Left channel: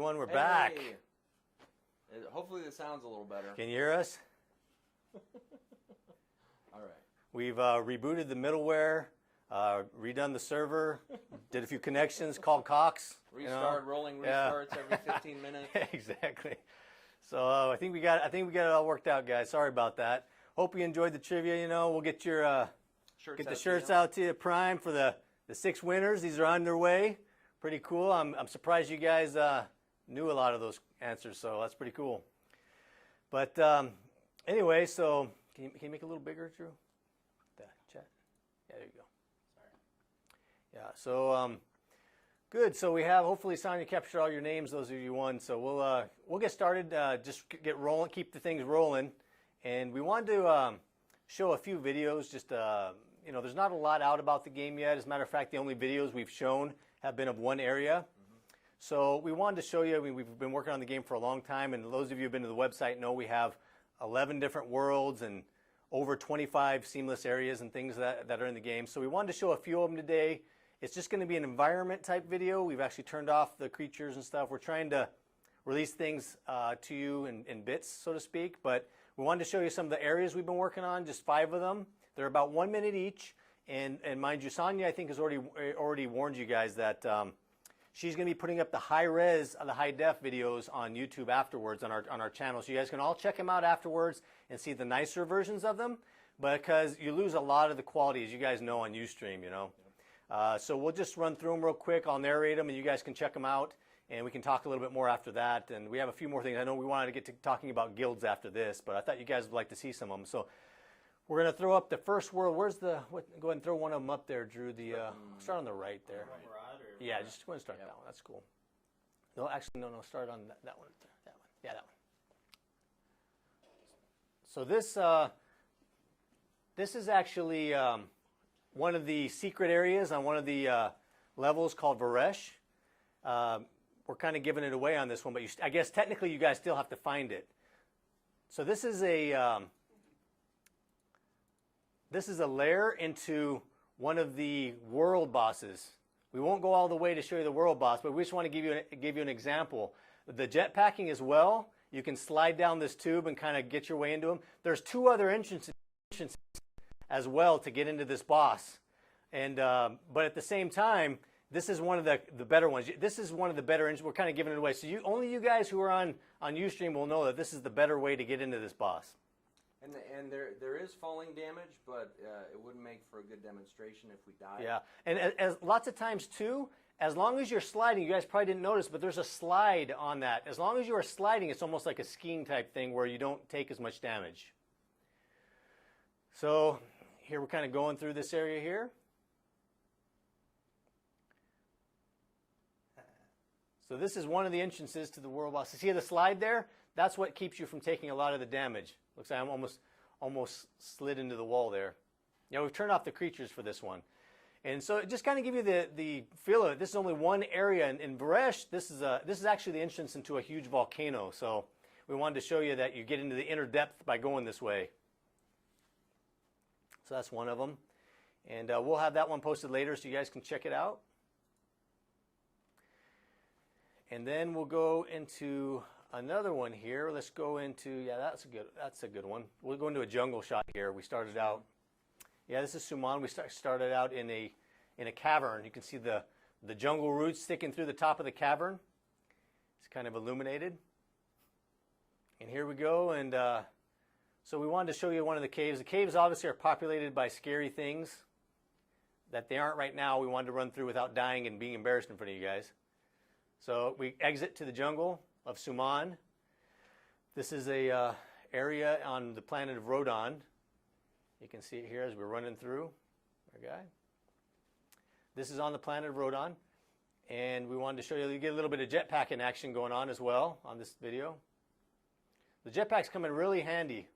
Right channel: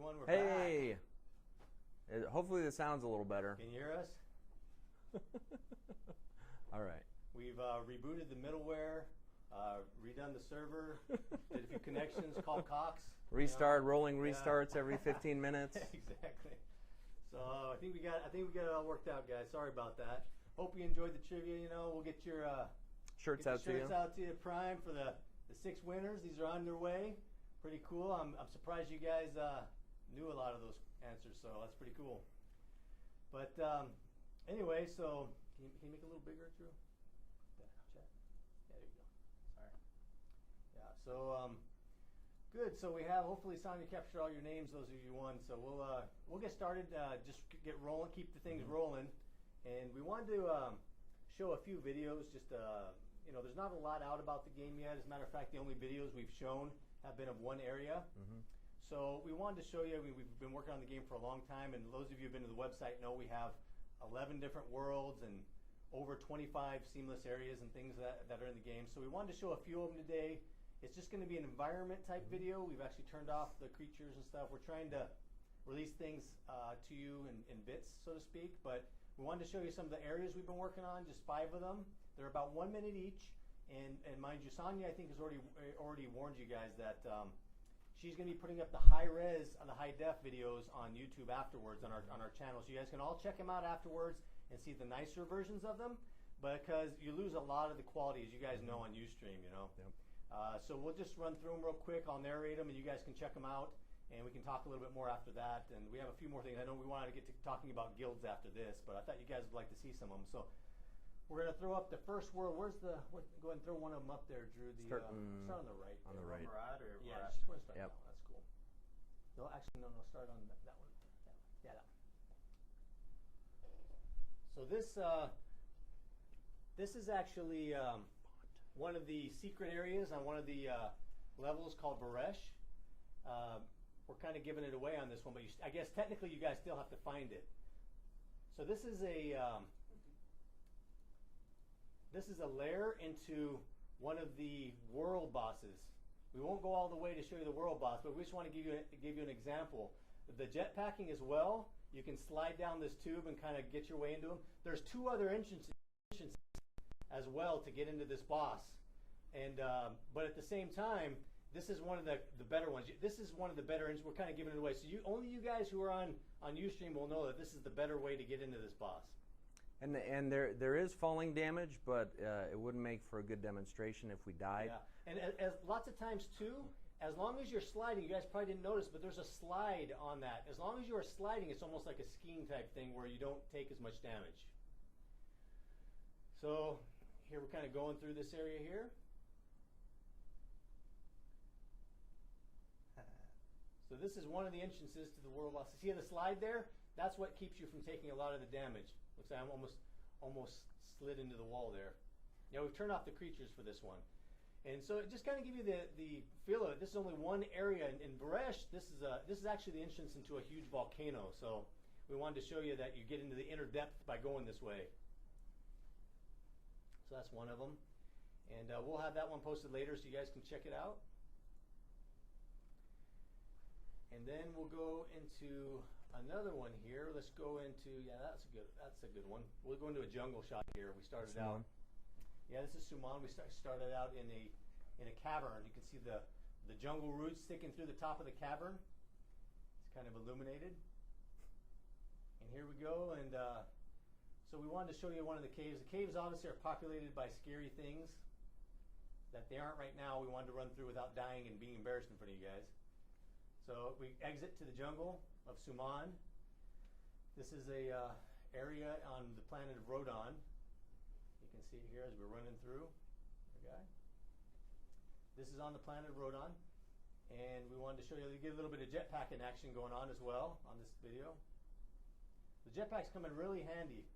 everyone, we're back. Hopefully this sounds a little better. Can you hear us? All right. We've rebooted the middleware, redone the server, did a few connections, called Cox. Restart, rolling restarts every 15 minutes. Exactly. So I think we got it all worked out, guys. Sorry about that. Hope you enjoyed the trivia. You know, we'll get your shirts out to you prime for the 6 winners. These are on their way. Pretty cool. I'm surprised you guys knew a lot of those answers, so that's pretty cool. But anyway, so can you make it a little bigger, Drew? The chat. Yeah, there you go. Sorry. Yeah. So good. So we have hopefully Sonia captured all your names. Those of you won. So we'll get started. Just get rolling. Keep the things rolling. And we wanted to show a few videos. Just you know, there's not a lot out about the game yet. As a matter of fact, the only videos we've shown have been of one area. So we wanted to show you, I mean, we've been working on the game for a long time, and those of you who have been to the website know we have 11 different worlds and over 25 seamless areas and things that are in the game. So we wanted to show a few of them today. It's just going to be an environment type video. We've actually turned off the creatures and stuff. We're trying to release things to you in bits, so to speak, but we wanted to show you some of the areas we've been working on, just 5 of them. They're about 1 minute each, and mind you, Sonia, I think, has already warned you guys that she's going to be putting up the high-res, the high-def videos on YouTube afterwards on our channel. So you guys can all check them out afterwards and see the nicer versions of them, because you lose a lot of the quality, as you guys know, on Ustream, you know. Yep. So we'll just run through them real quick. I'll narrate them, and you guys can check them out, and we can talk a little bit more after that. And we have a few more things. I know we wanted to get to talking about guilds after this, but I thought you guys would like to see some of them. So we're going to throw up the first world. Where's the, go ahead and throw one of them up there, Drew. Start on the right there. Right. Yeah, just go ahead and start that one. That's cool. No, actually, no, start on that one. That one. Yeah, that one. So this is actually one of the secret areas on one of the levels called Varesh. We're kind of giving it away on this one, but I guess technically you guys still have to find it. So this is a lair into one of the world bosses. We won't go all the way to show you the world boss, but we just want to give you an example. The jetpacking as well. You can slide down this tube and kind of get your way into them. There's 2 other entrances as well to get into this boss. And but at the same time, this is one of the better ones. This is one of the better entrances. We're kind of giving it away. So only you guys who are on Ustream will know that this is the better way to get into this boss. And there is falling damage, but it wouldn't make for a good demonstration if we die. Yeah, and as lots of times too, as long as you're sliding, you guys probably didn't notice, but there's a slide on that. As long as you are sliding, it's almost like a skiing type thing where you don't take as much damage. So here we're kind of going through this area here. So this is one of the entrances to the world boss. See the slide there? That's what keeps you from taking a lot of the damage. Looks like I'm almost slid into the wall there. Yeah, we've turned off the creatures for this one. And so just kind of give you the feel of it. This is only one area. In Varesh, this is actually the entrance into a huge volcano. So we wanted to show you that you get into the inner depth by going this way. So that's one of them. And we'll have that one posted later so you guys can check it out. And then we'll go into another one here. Let's go into, yeah, that's a good one. We'll go into a jungle shot here. We started out, yeah, this is Suman. We started out in a cavern. You can see the jungle roots sticking through the top of the cavern. It's kind of illuminated. And here we go. And so we wanted to show you one of the caves. The caves obviously are populated by scary things that they aren't right now. We wanted to run through without dying and being embarrassed in front of you guys. So we exit to the jungle of Suman. This is a area on the planet of Rodon. You can see it here as we're running through. Okay. This is on the planet of Rodon, and we wanted to show you get a little bit of jetpacking action going on as well on this video. The jetpacks come in really handy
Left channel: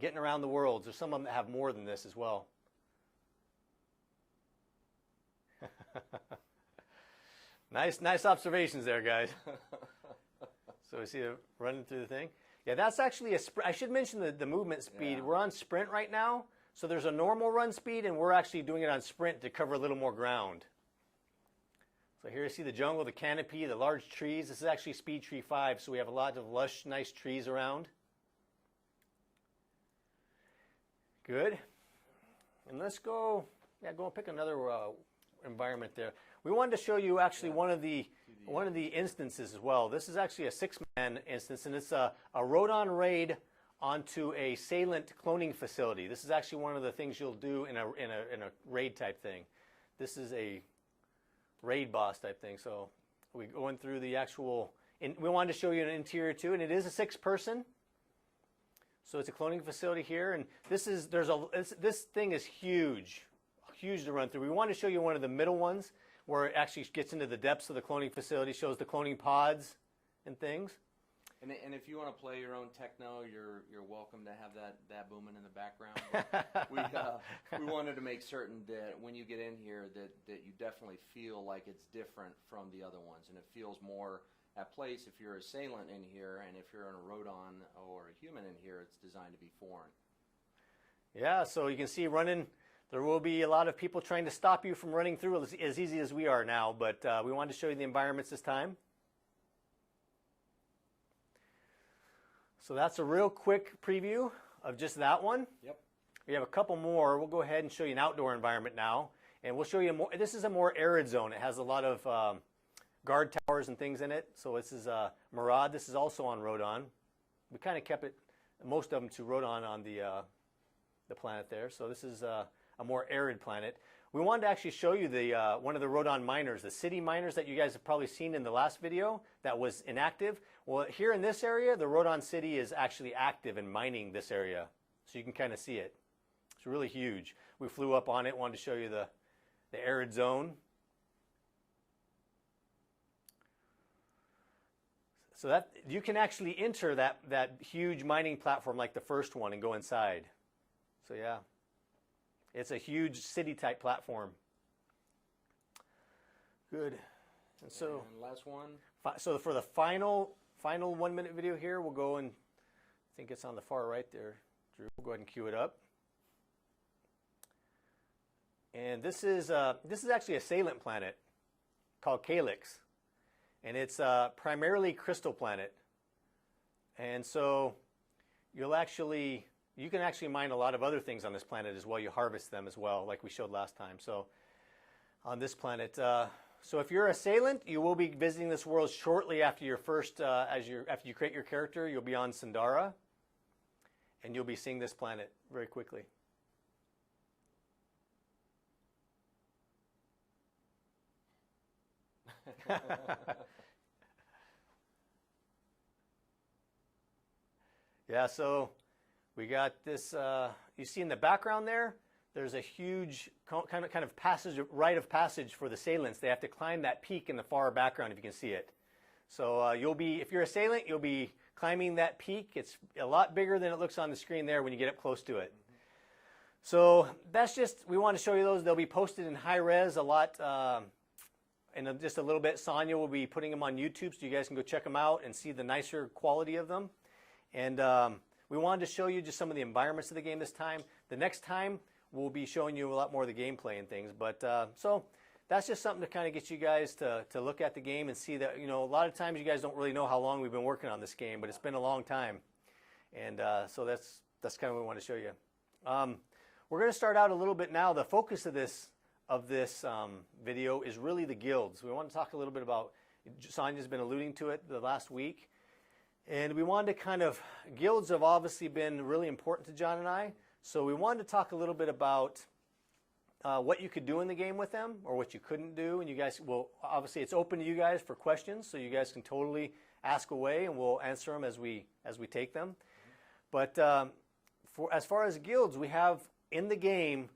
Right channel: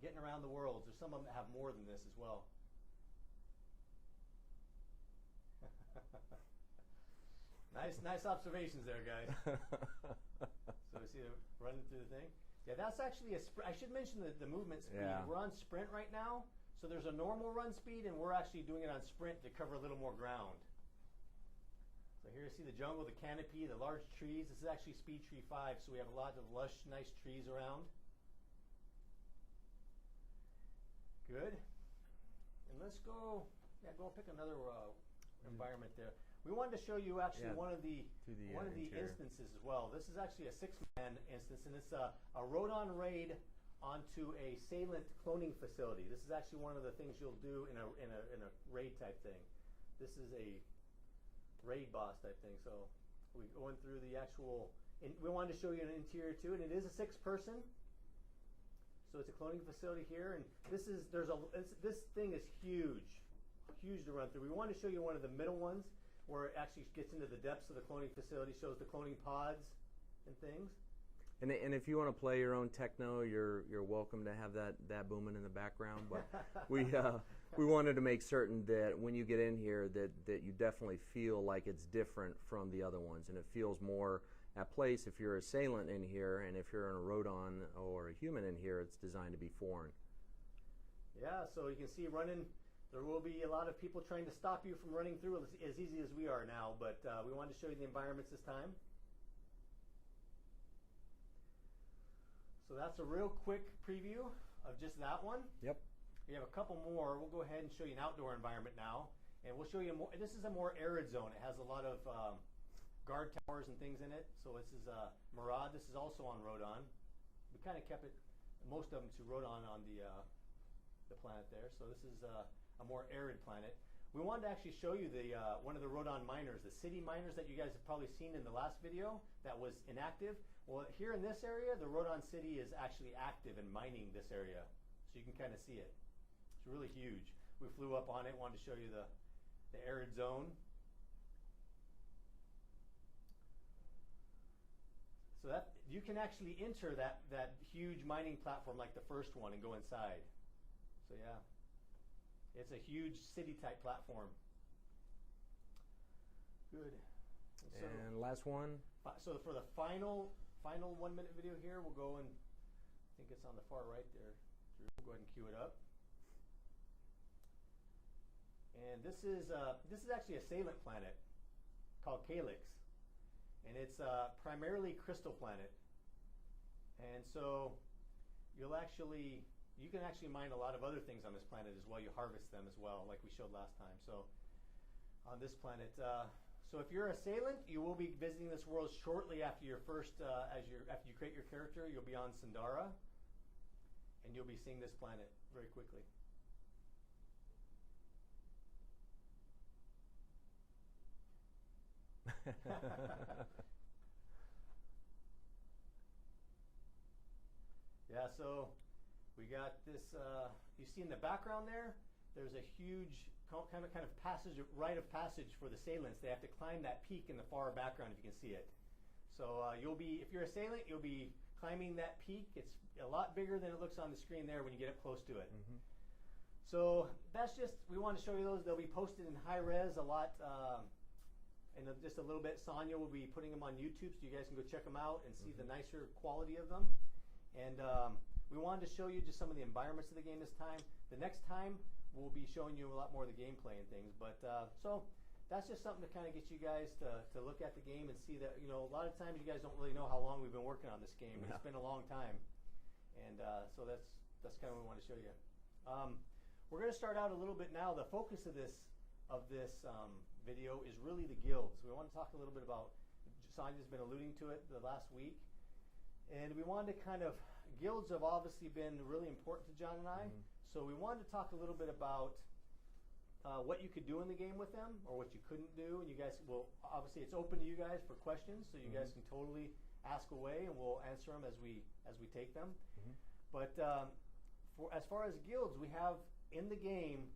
getting around the worlds. There's some of them that have more than this as well. Nice observations there, guys. So we see it running through the thing. Yeah, that's actually I should mention the movement speed. Yeah. We're on sprint right now, so there's a normal run speed, and we're actually doing it on sprint to cover a little more ground. So here you see the jungle, the canopy, the large trees. This is actually Speed Tree 5, so we have a lot of lush, nice trees around. Good. And let's go, go and pick another environment there. We wanted to show you actually one of the instances as well. This is actually a 6-man instance, and it's a Rodon raid onto a Salient cloning facility. This is actually one of the things you'll do in a raid type thing. This is a raid boss type thing. So we're going through the actual. We wanted to show you an interior too, and it is a 6-person. So it's a cloning facility here, and this thing is huge to run through. We want to show you one of the middle ones where it actually gets into the depths of the cloning facility, shows the cloning pods and things. And if you want to play your own techno, you're welcome to have that booming in the background. But we wanted to make certain that when you get in here that you definitely feel like it's different from the other ones, and it feels more at place. If you're a Salient in here, and if you're in a Rodon or a human in here, it's designed to be foreign. Yeah, so you can see running. There will be a lot of people trying to stop you from running through as easy as we are now, but we wanted to show you the environments this time. So that's a real quick preview of just that one. Yep. We have a couple more. We'll go ahead and show you an outdoor environment now, and we'll show you more. This is a more arid zone. It has a lot of guard towers and things in it. So this is Murad. This is also on Rodon. We kind of kept it, most of them, to Rodon on the planet there. So this is a more arid planet. We wanted to actually show you the one of the Rodon miners, the city miners that you guys have probably seen in the last video that was inactive. Well, here in this area, the Rodon city is actually active and mining this area. So you can kind of see it. It's really huge. We flew up on it, wanted to show you the arid zone. So that you can actually enter that huge mining platform like the first one and go inside. So yeah, it's a huge city-type platform. Good. And last one. So for the final 1-minute video here, we'll go and I think it's on the far right there. Drew, we'll go ahead and cue it up. And this is actually a Salient planet called Calyx, and it's primarily crystal planet. And so you can actually mine a lot of other things on this planet as well. You harvest them as well, like we showed last time. So on this planet, so if you're a Salient, you will be visiting this world shortly after your first, after you create your character. You'll be on Sandara, and you'll be seeing this planet very quickly. Yeah, so we got this. You see in the background there, there's a huge kind of rite of passage for the Salients. They have to climb that peak in the far background, if you can see it. So if you're a Salient, you'll be climbing that peak. It's a lot bigger than it looks on the screen there when you get up close to it. Mm-hmm. So that's we want to show you those. They'll be posted in high res a lot. In just a little bit, Sonia will be putting them on YouTube, so you guys can go check them out and see the nicer quality of them. And we wanted to show you just some of the environments of the game this time. The next time, we'll be showing you a lot more of the gameplay and things. But so that's just something to kind of get you guys to look at the game and see that, a lot of times you guys don't really know how long we've been working on this game, but it's been a long time. And so that's kind of what we want to show you. We're going to start out a little bit now. The focus of this video is really the guilds. We want to talk a little bit about, Sonia's been alluding to it the last week, and we wanted to guilds have obviously been really important to John and I, so we wanted to talk a little bit about what you could do in the game with them, or what you couldn't do, and you guys will, obviously it's open to you guys for questions, so you guys can totally ask away, and we'll answer them as we take them. But as far as guilds, we have in the game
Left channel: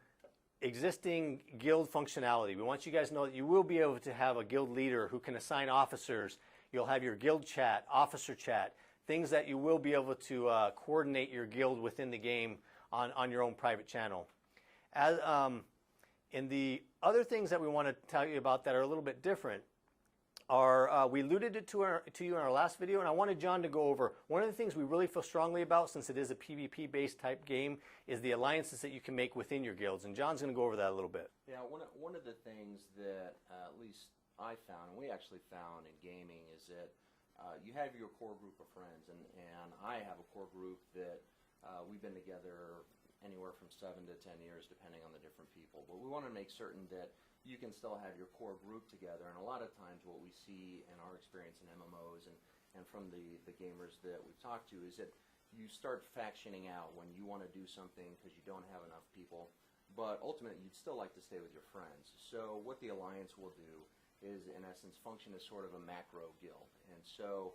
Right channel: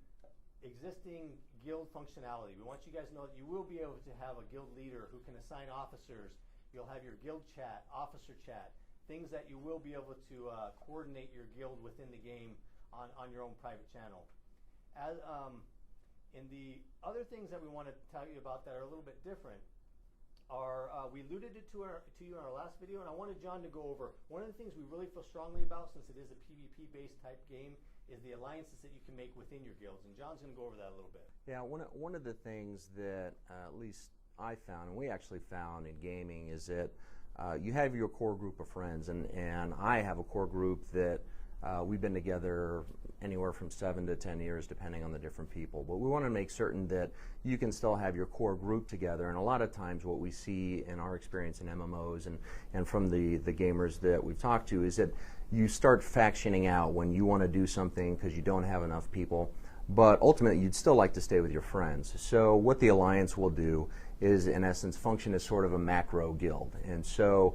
existing guild functionality. We want you guys to know that you will be able to have a guild leader who can assign officers. You'll have your guild chat, officer chat, things that you will be able to coordinate your guild within the game on your own private channel. In the other things that we want to tell you about that are a little bit different are, we alluded it to you in our last video, and I wanted John to go over. One of the things we really feel strongly about, since it is a PvP-based type game, is the alliances that you can make within your guilds, and John's going to go over that a little bit. Yeah, one of the things that at least I found, and we actually found in gaming, is that you have your core group of friends, and I have a core group that we've been together anywhere from 7 to 10 years, depending on the different people. But we want to make certain that you can still have your core group together. And a lot of times what we see in our experience in MMOs and from the gamers that we've talked to is that you start factioning out when you want to do something because you don't have enough people. But ultimately, you'd still like to stay with your friends. So what the Alliance will do is, in essence, function as sort of a macro guild. And so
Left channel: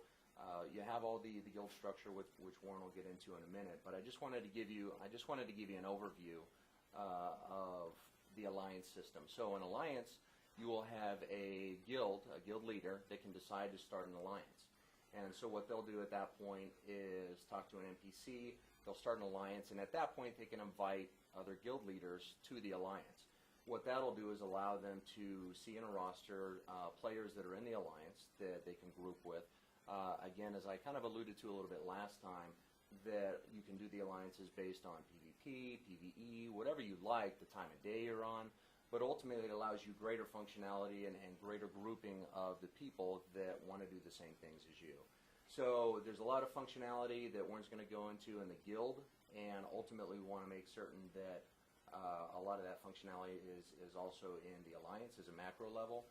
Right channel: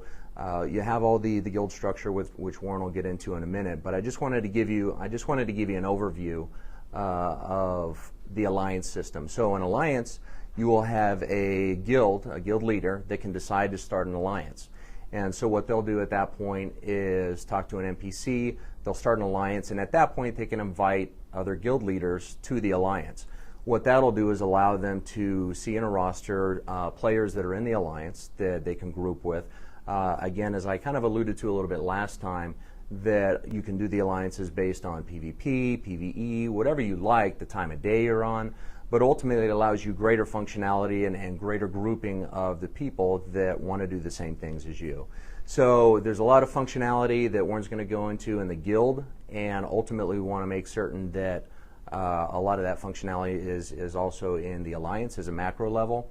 you have all the guild structure, which Warren will get into in a minute. But I just wanted to give you an overview of the Alliance system. So in Alliance, you will have a guild leader that can decide to start an alliance. And so what they'll do at that point is talk to an NPC, they'll start an alliance, and at that point they can invite other guild leaders to the alliance. What that'll do is allow them to see in a roster players that are in the alliance that they can group with. Again, as I kind of alluded to a little bit last time, that you can do the alliances based on PvP, PvE, whatever you like, the time of day you're on, but ultimately it allows you greater functionality and greater grouping of the people that want to do the same things as you. So there's a lot of functionality that Warren's going to go into in the guild, and ultimately we want to make certain that a lot of that functionality is also in the alliance as a macro level.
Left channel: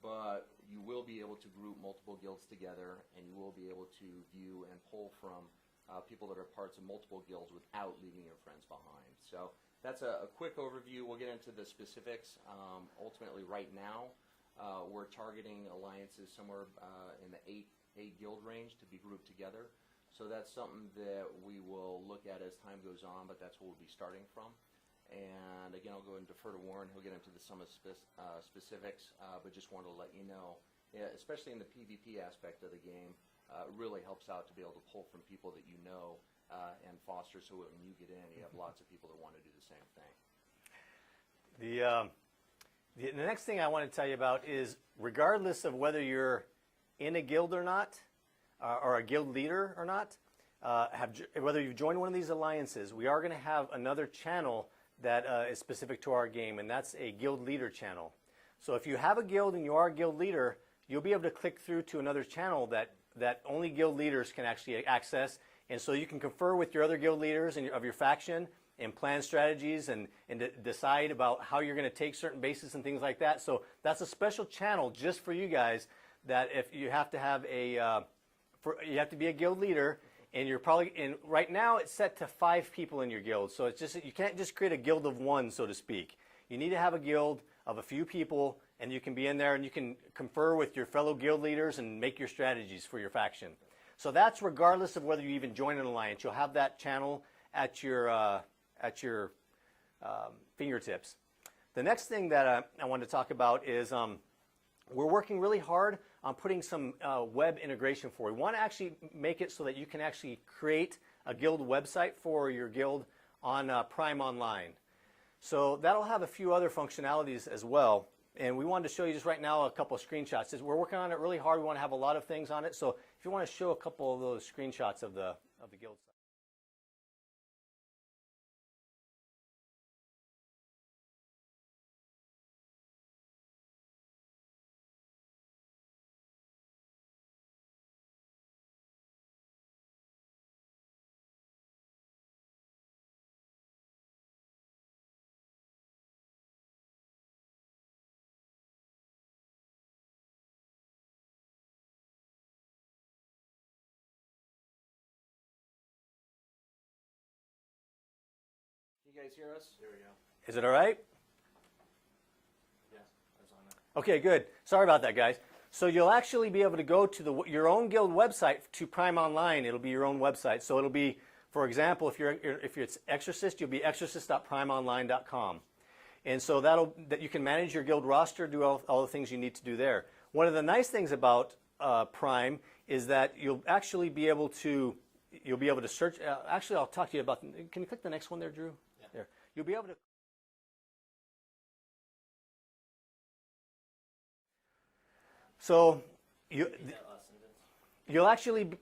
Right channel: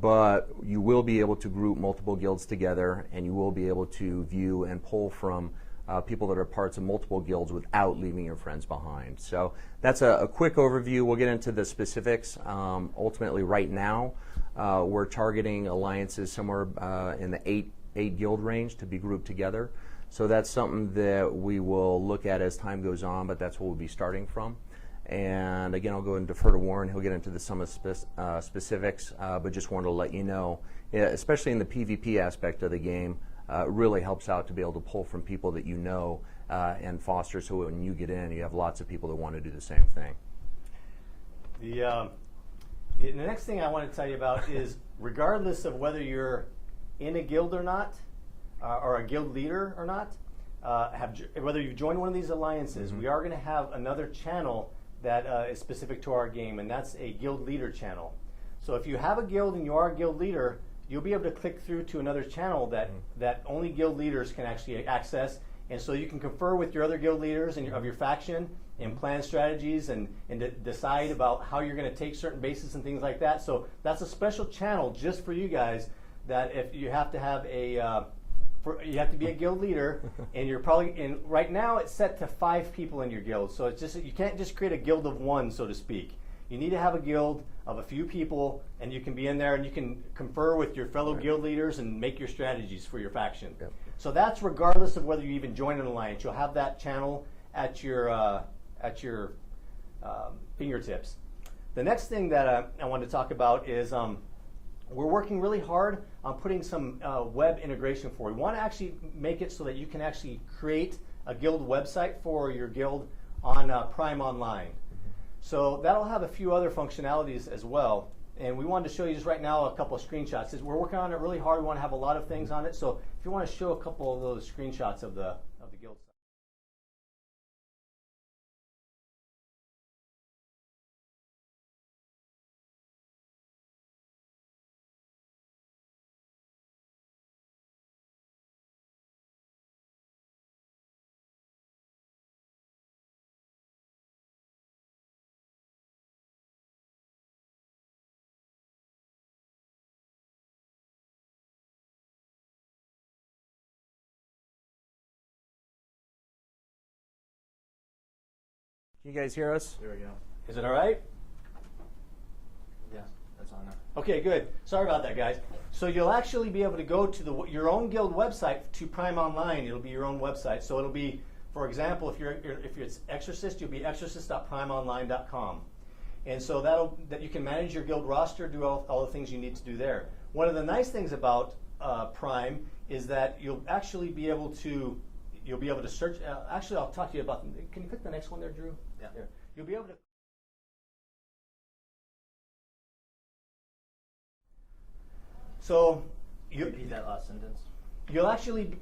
But you will be able to group multiple guilds together, and you will be able to view and pull from people that are parts of multiple guilds without leaving your friends behind. So that's a quick overview. We'll get into the specifics. Ultimately, right now, we're targeting alliances somewhere in the eight guild range to be grouped together. So that's something that we will look at as time goes on, but that's what we'll be starting from. And again, I'll go and defer to Warren. He'll get into some of the specifics, but just wanted to let you know, especially in the PvP aspect of the game, it really helps out to be able to pull from people that you know and foster, so when you get in, you have lots of people that want to do the same thing. The next thing I want to tell you about is, regardless of whether you're in a guild or not, or a guild leader or not, whether you've joined one of these alliances, we are going to have another channel that is specific to our game, and that's a guild leader channel. So if you have a guild and you are a guild leader, you'll be able to click through to another channel that only guild leaders can actually access, and so you can confer with your other guild leaders of your faction and plan strategies and decide about how you're going to take certain bases and things like that. So that's a special channel just for you guys, that if you have to have you have to be a guild leader, and you're probably right now it's set to 5 people in your guild. So it's just, you can't just create a guild of one, so to speak. You need to have a guild of a few people, and you can be in there and you can confer with your fellow guild leaders and make your strategies for your faction. Yep. So that's regardless of whether you even join an alliance. You'll have that channel at your fingertips. The next thing that I wanted to talk about is we're working really hard on putting some web integration for you. We want to actually make it so that you can actually create a guild website for your guild on Prime Online. So that'll have a few other functionalities as well. And we wanted to show you just right now a couple of screenshots. We're working on it really hard. We want to have a lot of things on it. So if you want to show a couple of those screenshots of the guild site. Can you guys hear us? There we go. Is it all right? Yeah, that's on now. Okay, good. Sorry about that, guys. So you'll actually be able to go to your own guild website to Prime Online. It'll be your own website. So it'll be, for example, if you're Exorcist, you'll be exorcist.primeonline.com. And so that you can manage your guild roster, do all the things you need to do there. One of the nice things about Prime is that you'll actually be able to search. Actually, I'll talk to you about. Can you click the next one there, Drew? Yeah. There. You'll be able to. So Repeat that last sentence. You'll actually.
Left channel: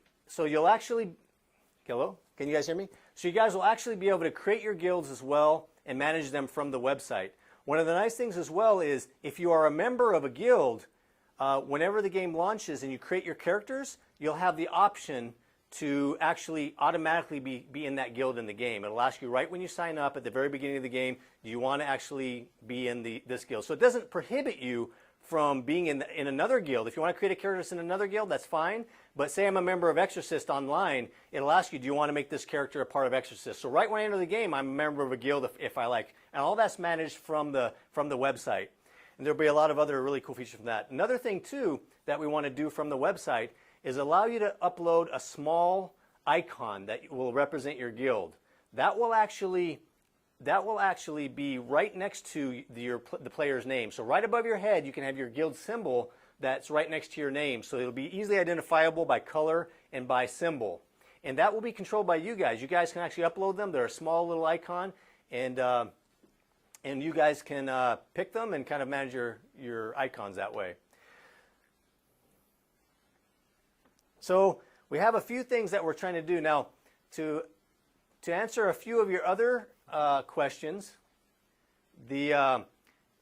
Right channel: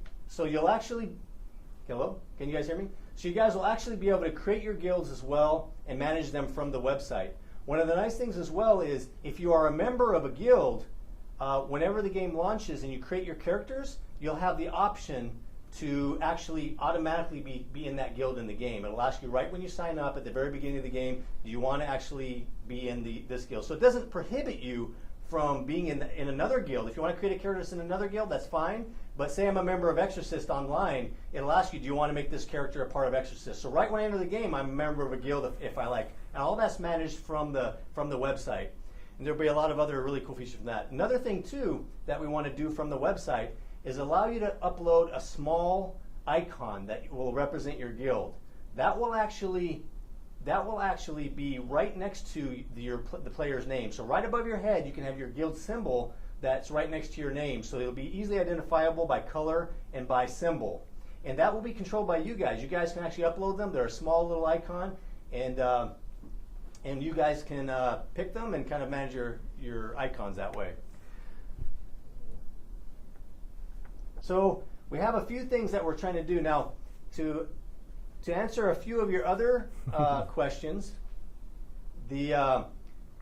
Hello? Can you guys hear me? So you guys will actually be able to create your guilds as well and manage them from the website. One of the nice things as well is if you are a member of a guild, whenever the game launches and you create your characters, you'll have the option to actually automatically be in that guild in the game. It'll ask you right when you sign up at the very beginning of the game, do you want to actually be in this guild? So it doesn't prohibit you from being in another guild. If you want to create a character that's in another guild, that's fine. But say I'm a member of Exorcist online, it'll ask you, do you want to make this character a part of Exorcist? So right when I enter the game, I'm a member of a guild if I like. And all that's managed from the website. And there'll be a lot of other really cool features from that. Another thing, too, that we want to do from the website is allow you to upload a small icon that will represent your guild. That will actually be right next to the player's name. So right above your head, you can have your guild symbol that's right next to your name. So it'll be easily identifiable by color and by symbol. And that will be controlled by you guys. You guys can actually upload them. They're a small little icon, and you guys can pick them and kind of manage your icons that way. So we have a few things that we're trying to do now to answer a few of your other questions.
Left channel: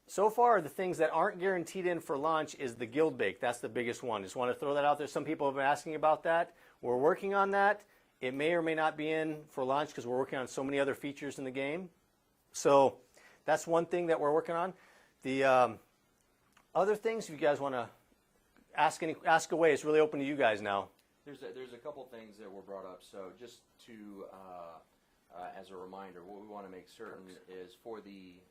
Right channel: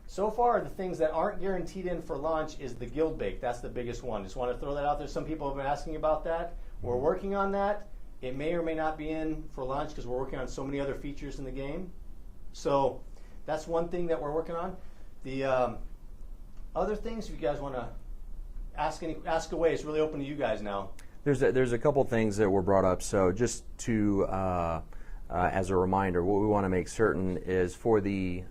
So far, the things that aren't guaranteed in for launch is the guild bake. That's the biggest one. Just want to throw that out there. Some people have been asking about that. We're working on that. It may or may not be in for launch because we're working on so many other features in the game. So that's one thing that we're working on. The other things, if you guys want to ask away, it's really open to you guys now. There's a couple things that were brought up. So just to as a reminder, what we want to make certain is for the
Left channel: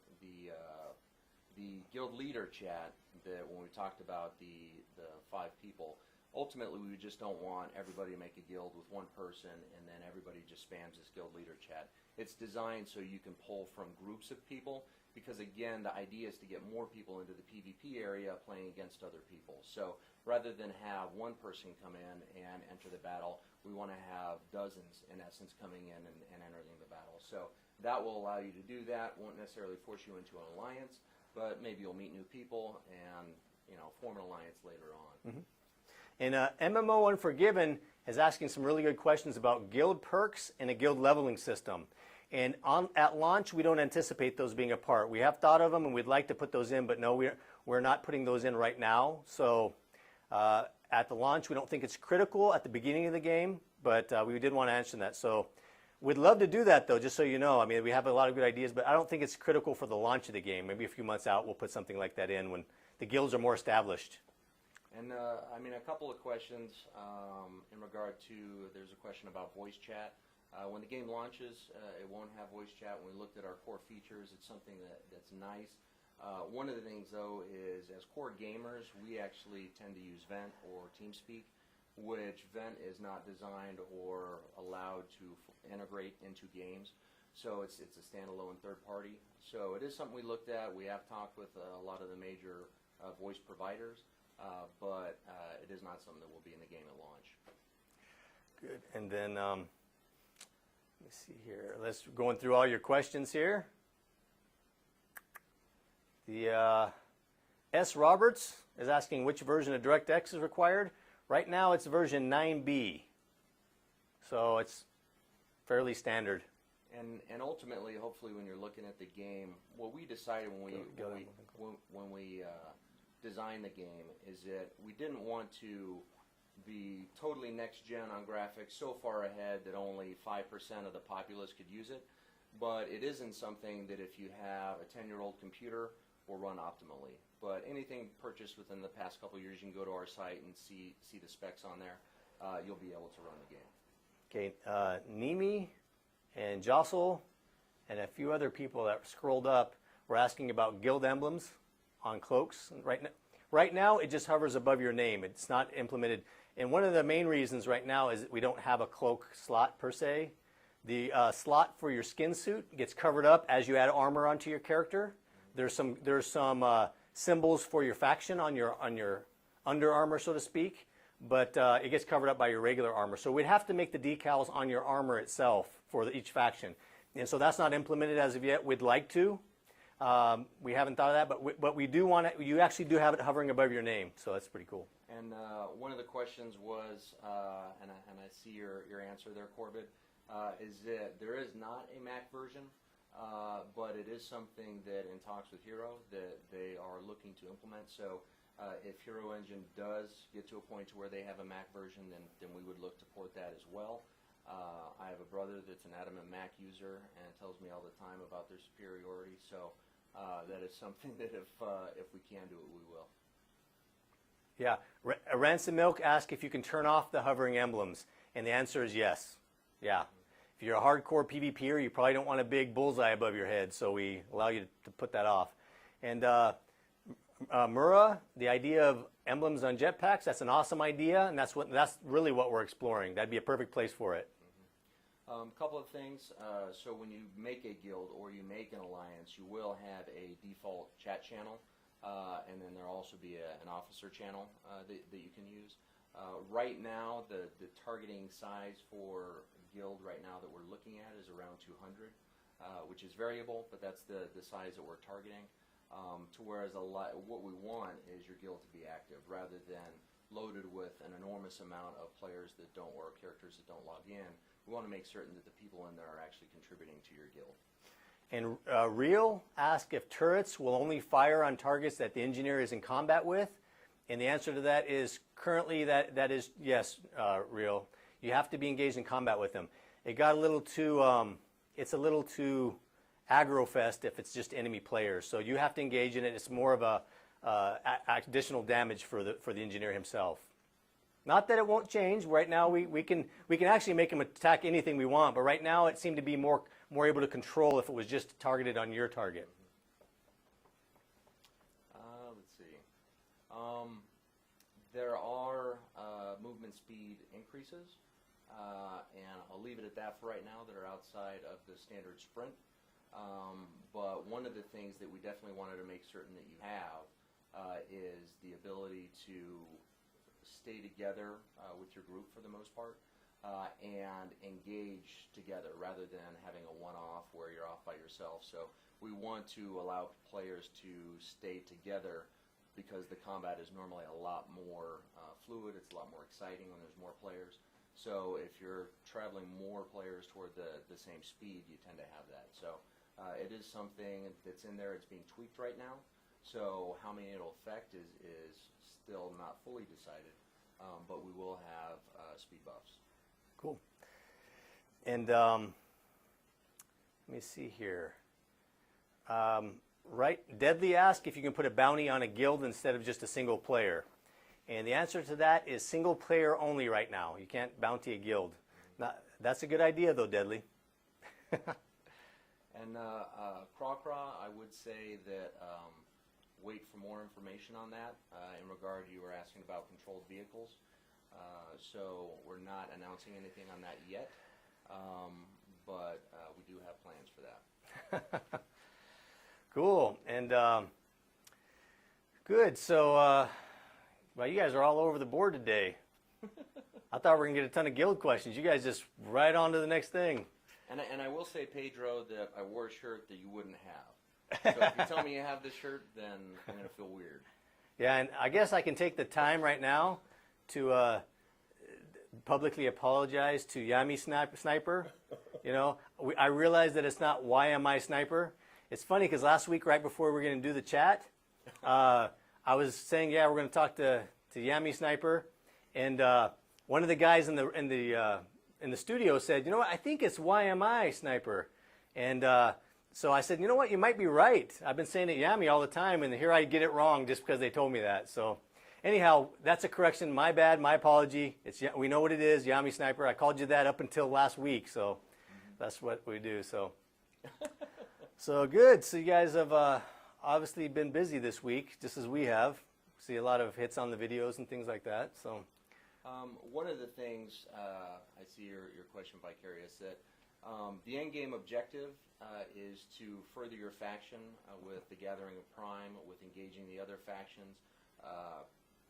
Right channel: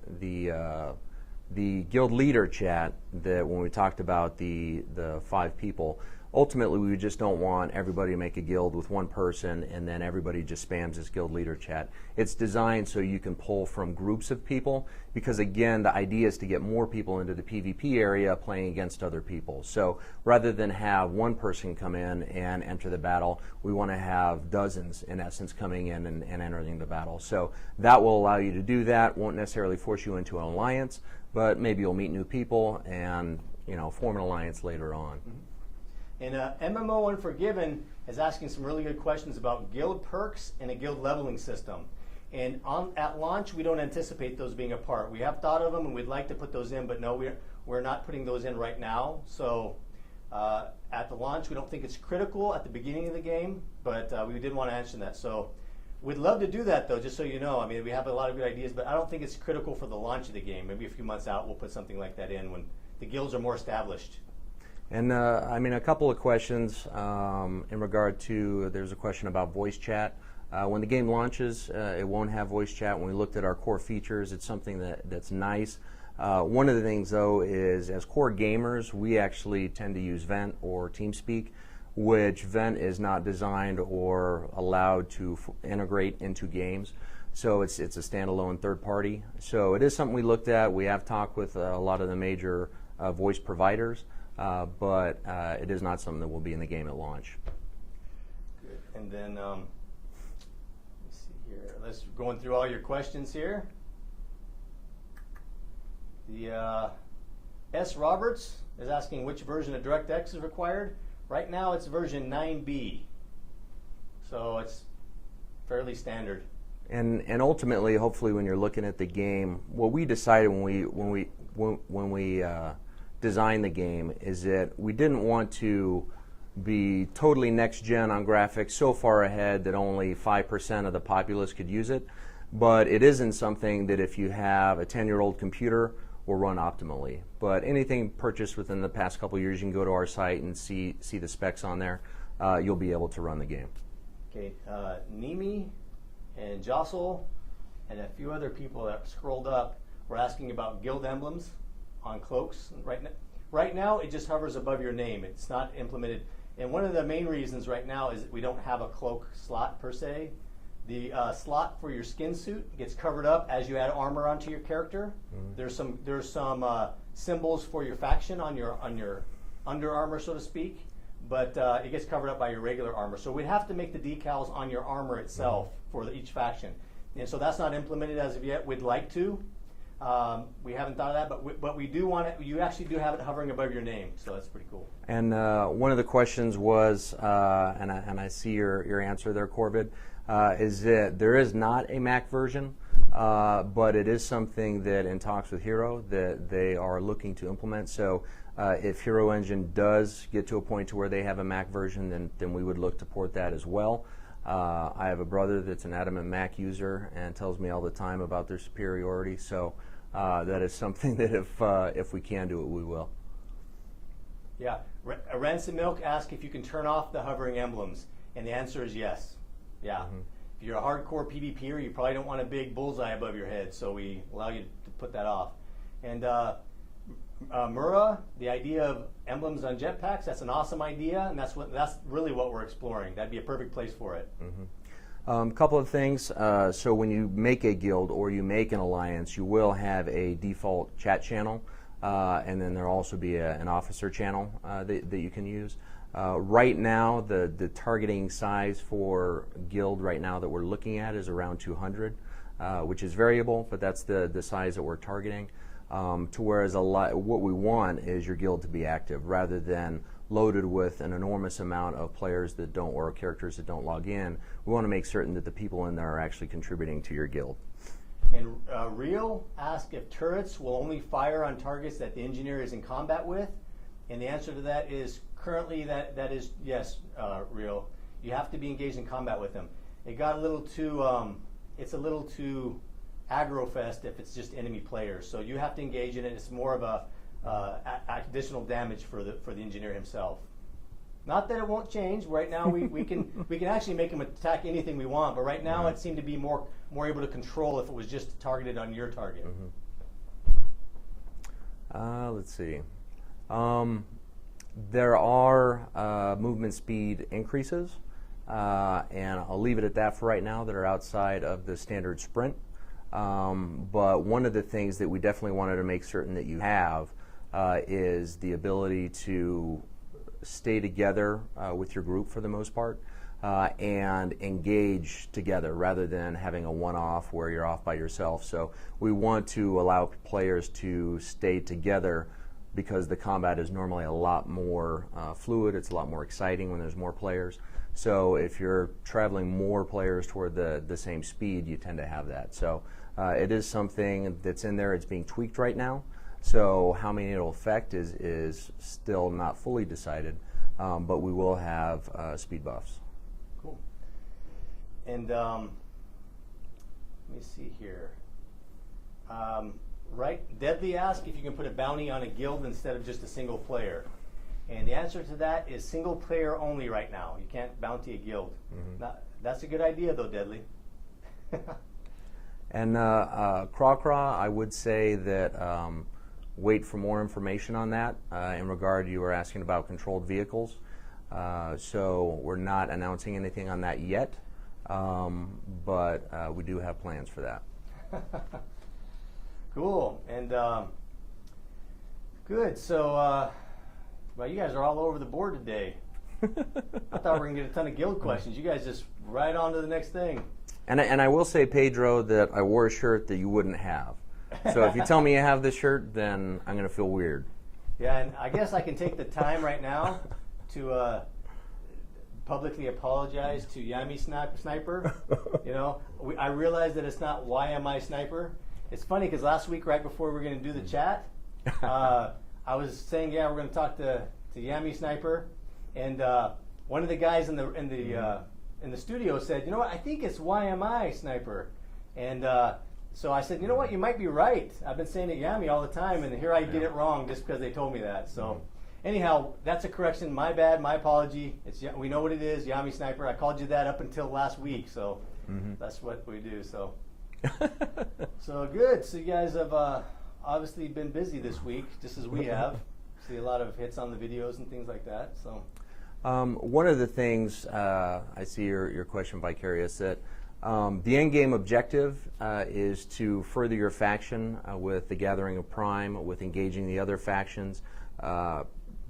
guild leader chat, that when we talked about the 5 people, ultimately we just don't want everybody to make a guild with one person and then everybody just spams this guild leader chat. It's designed so you can pull from groups of people, because again, the idea is to get more people into the PvP area playing against other people. So rather than have one person come in and enter the battle, we want to have dozens in essence coming in and entering the battle. So that will allow you to do that. Won't necessarily force you into an alliance, but maybe you'll meet new people and form an alliance later on. Mm-hmm. And MMO Unforgiven is asking some really good questions about guild perks and a guild leveling system. And at launch, we don't anticipate those being a part. We have thought of them, and we'd like to put those in, but no, we're not putting those in right now. So at the launch, we don't think it's critical at the beginning of the game, but we did want to mention that. So we'd love to do that, though, just so you know. I mean, we have a lot of good ideas, but I don't think it's critical for the launch of the game. Maybe a few months out, we'll put something like that in when the guilds are more established. And a couple of questions in regard to, there's a question about voice chat. When the game launches, it won't have voice chat. When we looked at our core features, it's something that's nice. One of the things, though, is as core gamers, we actually tend to use Vent or TeamSpeak, which Vent is not designed or allowed to integrate into games. So it's a standalone third party. So it is something we looked at. We have talked with a lot of the major voice providers. But it is not something that will be in the game at launch. Good. And then, let me see here. Let's going through all your questions here. The S. Roberts is asking which version of DirectX is required. Right now, it's version 9B, so it's fairly standard. And ultimately, hopefully, when you're looking at the game, what we decided when we design the game is that we didn't want to be totally next gen on graphics, so far ahead that only 5% of the populace could use it, but it isn't something that if you have a 10-year-old computer will run optimally. But anything purchased within the past couple of years, you can go to our site and see the specs on there. You'll be able to run the game. Okay, Nimi and Jostle and a few other people that scrolled up were asking about guild emblems on cloaks. Right now, it just hovers above your name. It's not implemented. And one of the main reasons right now is that we don't have a cloak slot per se. The slot for your skin suit gets covered up as you add armor onto your character. Mm-hmm. There's some symbols for your faction on your under armor, so to speak, but it gets covered up by your regular armor. So we'd have to make the decals on your armor itself for each faction. And so that's not implemented as of yet. We'd like to. We haven't thought of that, but we do want it. You actually do have it hovering above your name, so that's pretty cool. And one of the questions was, and I see your answer there, Corvid, is that there is not a Mac version. but it is something that in talks with Hero that they are looking to implement. So if Hero Engine does get to a point to where they have a Mac version, then we would look to port that as well. I have a brother that's an adamant Mac user and tells me all the time about their superiority. So that is something that if we can do it, we will. Yeah. Ransom Milk asks if you can turn off the hovering emblems, and the answer is yes. Yeah. Mm-hmm. If you're a hardcore PvPer, you probably don't want a big bullseye above your head, so we allow you to put that off. And Mura, the idea of emblems on jetpacks, that's an awesome idea, and that's really what we're exploring. That'd be a perfect place for it. Mm-hmm. Couple of things. So when you make a guild or you make an alliance, you will have a default chat channel, and then there'll also be an officer channel that you can use. Right now, the targeting size for guild right now that we're looking at is around 200, which is variable, but that's the size that we're targeting. To whereas what we want is your guild to be active rather than loaded with an enormous amount of players that don't, or characters that don't log in. We want to make certain that the people in there are actually contributing to your guild. And Real asked if turrets will only fire on targets that the engineer is in combat with, and the answer to that is currently that is yes, Real. You have to be engaged in combat with them. It got a little too, it's a little too aggro-fest if it's just enemy players. So you have to engage in it. It's more of a additional damage for the engineer himself. Not that it won't change. Right now we can actually make him attack anything we want, but right now it seemed to be more able to control if it was just targeted on your target. Mm-hmm. Let's see. There are movement speed increases, and I'll leave it at that for right now, that are outside of the standard sprint. But one of the things that we definitely wanted to make certain that you have is the ability to stay together with your group for the most part, and engage together rather than having a one-off where you're off by yourself. So we want to allow players to stay together because the combat is normally a lot more fluid. It's a lot more exciting when there's more players. So if you're traveling more players toward the same speed, you tend to have that. So it is something that's in there. It's being tweaked right now. So how many it'll affect is still not fully decided, but we will have speed buffs. Cool. And let me see here. Right, Deadly asked if you can put a bounty on a guild instead of just a single player. And the answer to that is single player only right now. You can't bounty a guild. Mm-hmm. That's a good idea though, Deadly. And Craw, I would say that wait for more information on that. In regard, you were asking about controlled vehicles. So we're not announcing anything on that yet, but we do have plans for that. Cool. And good. So, well, you guys are all over the board today. I thought we were going to get a ton of guild questions. You guys just right on to the next thing. And I will say, Pedro, that I wore a shirt that you wouldn't have. So if you tell me you have this shirt, then I'm going to feel weird. Yeah, and I guess I can take the time right now to publicly apologize to Yami Sniper. You know, I realize that it's not why am I Sniper. It's funny because last week, right before we were going to do the chat, I was saying, yeah, we're going to talk to Yami Sniper, and one of the guys in the studio said, you know what, I think it's why am I Sniper, and so I said, you know what, you might be right. I've been saying it Yami all the time, and here I get it wrong just because they told me that. So anyhow, that's a correction. My bad, my apology. We know what it is, Yami Sniper. I called you that up until last week, so that's what we do. So. So good. So you guys have obviously been busy this week, just as we have. See a lot of hits on the videos and things like that. So one of the things I see your question, Vicarious, that the end game objective is to further your faction with the gathering of Prime, with engaging the other factions,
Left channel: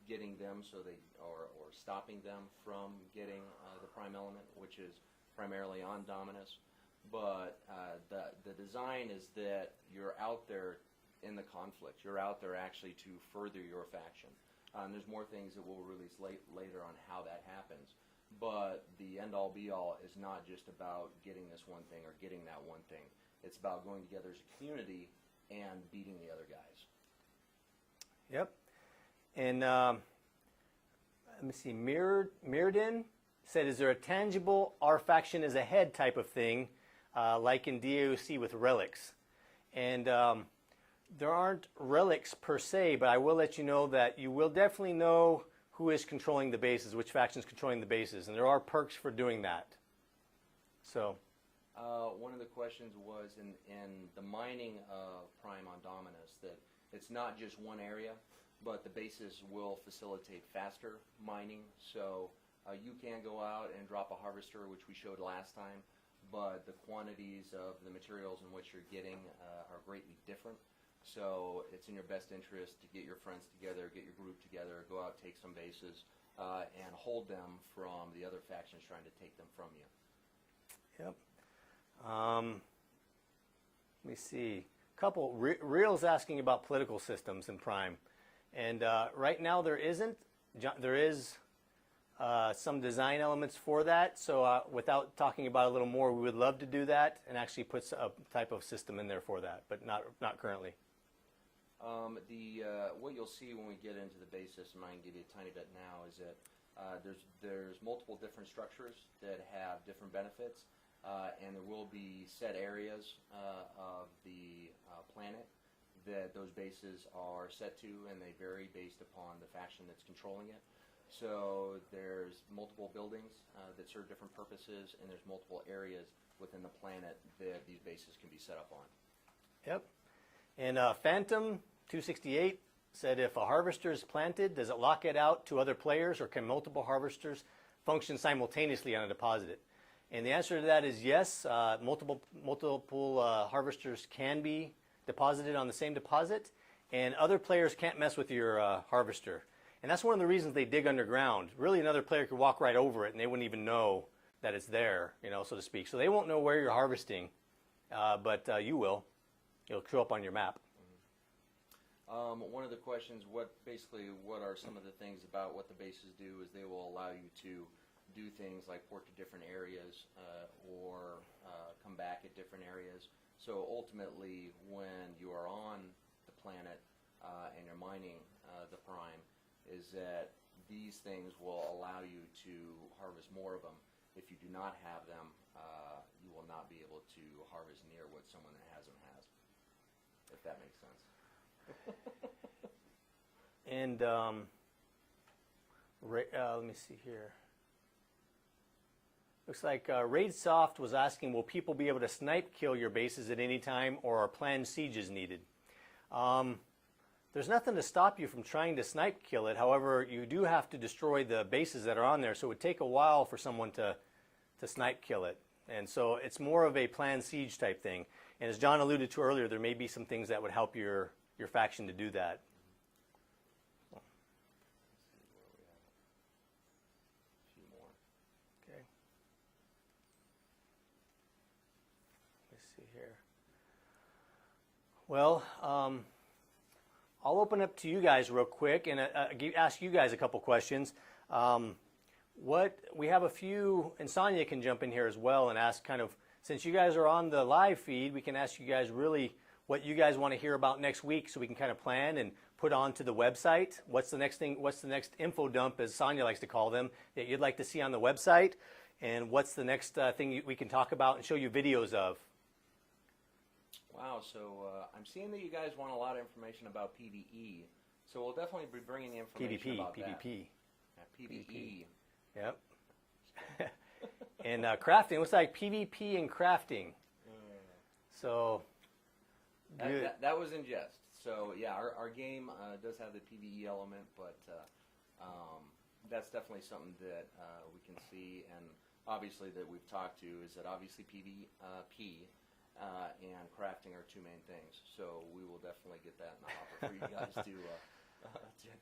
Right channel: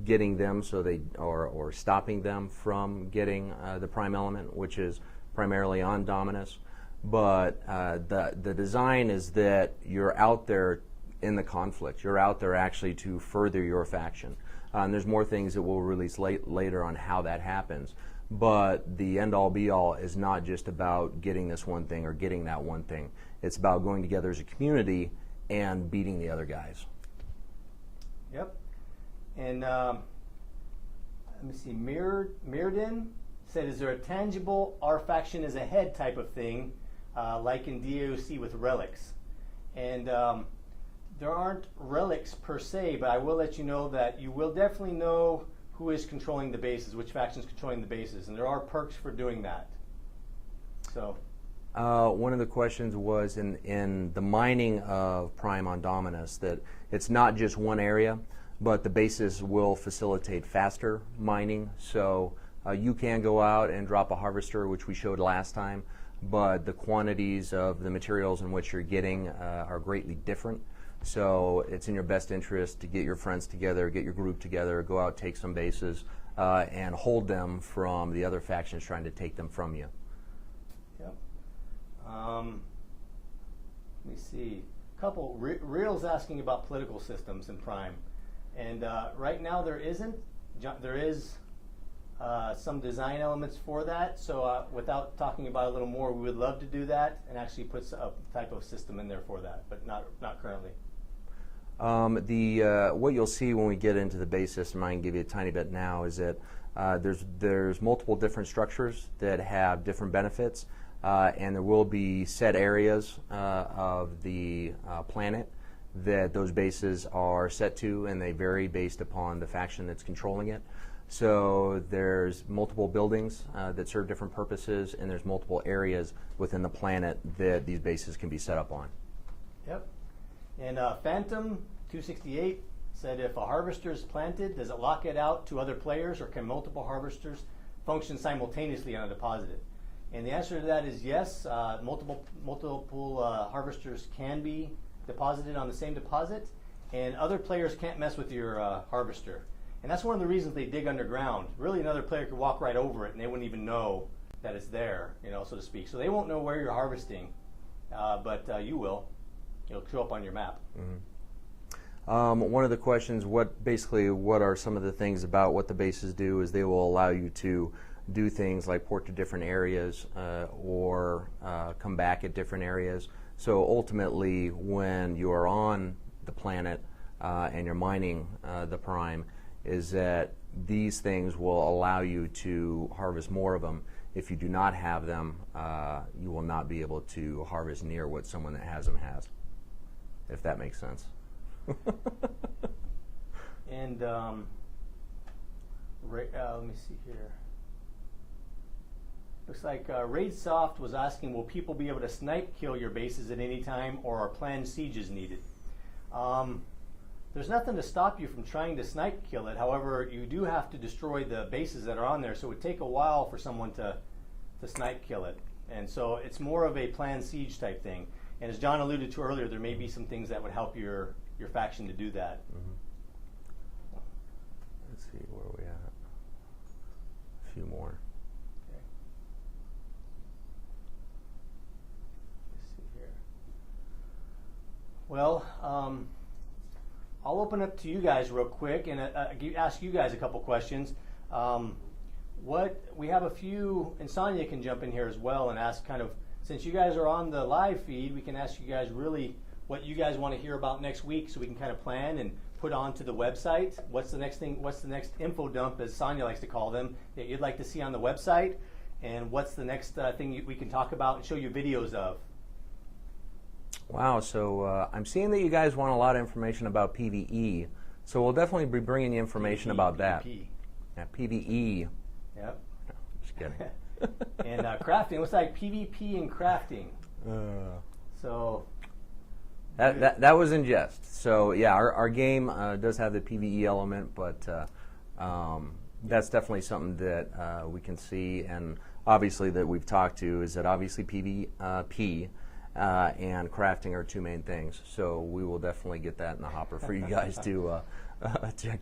getting them so they or stopping them from getting the Prime element, which is primarily on Dominus. But the design is that you're out there in the conflict. You're out there actually to further your faction. And there's more things that we'll release later on how that happens. But the end-all be-all is not just about getting this one thing or getting that one thing. It's about going together as a community and beating the other guys. Yep. And let me see, Mirrodin said, is there a tangible our faction is ahead type of thing, like in DAOC with relics? And there aren't relics per se, but I will let you know that you will definitely know who is controlling the bases, which faction is controlling the bases, and there are perks for doing that. So, one of the questions was in the mining of Prime on Dominus that it's not just one area, but the bases will facilitate faster mining. So you can go out and drop a harvester, which we showed last time, but the quantities of the materials in which you're getting are greatly different. So it's in your best interest to get your friends together, get your group together, go out, take some bases, and hold them from the other factions trying to take them from you. Yep. Let me see. A couple. Real's asking about political systems in Prime. And right now there isn't. There is some design elements for that. So without talking about it a little more, we would love to do that and actually put a type of system in there for that, but not currently. What you'll see when we get into the base system, I can give you a tiny bit now, is that there's multiple different structures that have different benefits, and there will be set areas of the planet that those bases are set to, and they vary based upon the faction that's controlling it. So there's multiple buildings that serve different purposes, and there's multiple areas within the planet that these bases can be set up on. Yep. And Phantom 268 said, if a harvester is planted, does it lock it out to other players, or can multiple harvesters function simultaneously on a deposit? And the answer to that is yes. Multiple harvesters can be deposited on the same deposit, and other players can't mess with your harvester. And that's one of the reasons they dig underground. Really, another player could walk right over it, and they wouldn't even know that it's there, so to speak. So they won't know where you're harvesting, but you will. It'll show up on your map. Mm-hmm. One of the questions, what are some of the things about what the bases do, is they will allow you to do things like port to different areas or come back at different areas. So ultimately, when you are on the planet and you're mining the Prime, is that these things will allow you to harvest more of them. If you do not have them, you will not be able to harvest near what someone that has them has, if that makes sense. And let me see here. Looks like RaidSoft was asking, will people be able to snipe kill your bases at any time, or are planned sieges needed? There's nothing to stop you from trying to snipe kill it. However, you do have to destroy the bases that are on there, so it would take a while for someone to snipe kill it. And so it's more of a planned siege type thing. And as John alluded to earlier, there may be some things that would help your faction to do that. Mm-hmm. Let's see, where are we at? A few more. Okay. Let's see here. Well, I'll open up to you guys real quick and ask you guys a couple questions. We have a few, and Sonia can jump in here as well and ask kind of, since you guys are on the live feed, we can ask you guys really what you guys want to hear about next week, so we can kind of plan and put onto the website. What's the next thing? What's the next info dump, as Sonia likes to call them, that you'd like to see on the website? And what's the next thing we can talk about and show you videos of? Wow, so I'm seeing that you guys want a lot of information about PvE, so we'll definitely be bringing you information about that. Yeah, PvE. Yep. No, just kidding. And crafting. It looks like PvP and crafting. So that was in jest. So yeah, our game does have the PvE element, but that's definitely something that we can see, and obviously that we've talked to, is that obviously PvP and crafting are two main things. So we will definitely get that in the hopper for you guys to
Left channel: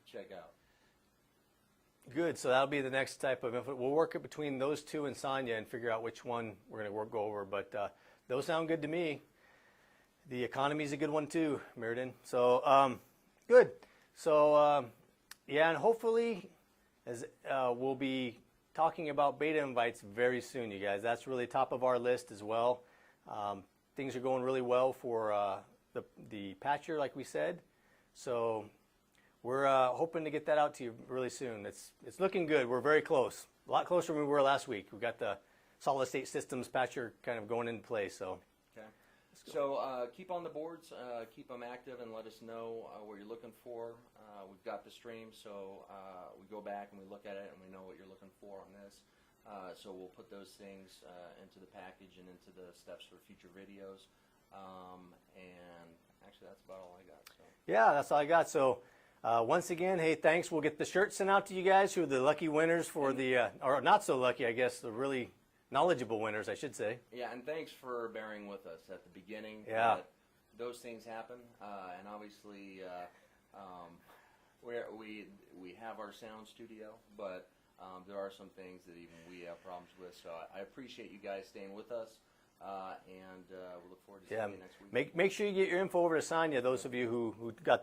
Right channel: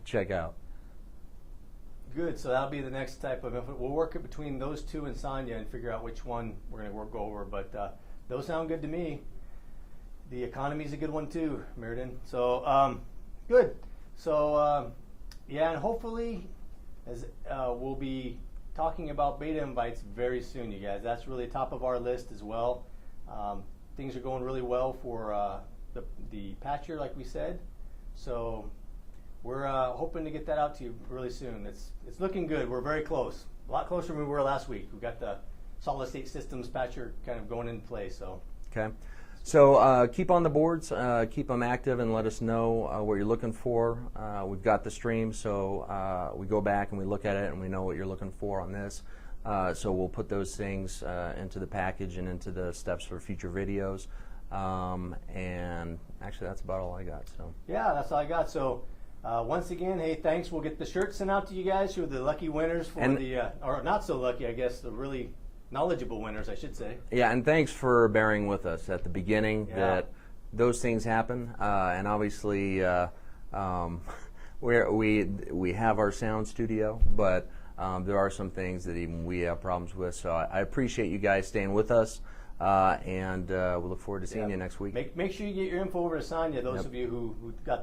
check out. Good. So that'll be the next type of info. We'll work it between those two and Sonia and figure out which one we're going to go over. But those sound good to me. The economy's a good one too, Mirrodin. So good. So yeah, and hopefully, as we'll be talking about beta invites very soon, you guys. That's really top of our list as well. things are going really well for the patcher, like we said. So we're hoping to get that out to you really soon. It's looking good. We're very close. A lot closer than we were last week. We've got the solid state systems patcher kind of going into place. So okay. So keep on the boards, keep them active, and let us know what you're looking for. We've got the stream, so we go back and we look at it and we know what you're looking for on this. So we'll put those things into the package and into the steps for future videos. And actually, that's about all I got. So yeah, that's all I got. So once again, hey, thanks. We'll get the shirts sent out to you guys who are the lucky winners for or not so lucky, I guess, the really knowledgeable winners, I should say. Yeah, and thanks for bearing with us at the beginning. That those things happen, and obviously we have our sound studio, but there are some things that even we have problems with. So I appreciate you guys staying with us, and we look forward to seeing you next week. Make sure you get your info over to Sonia. Those of you who got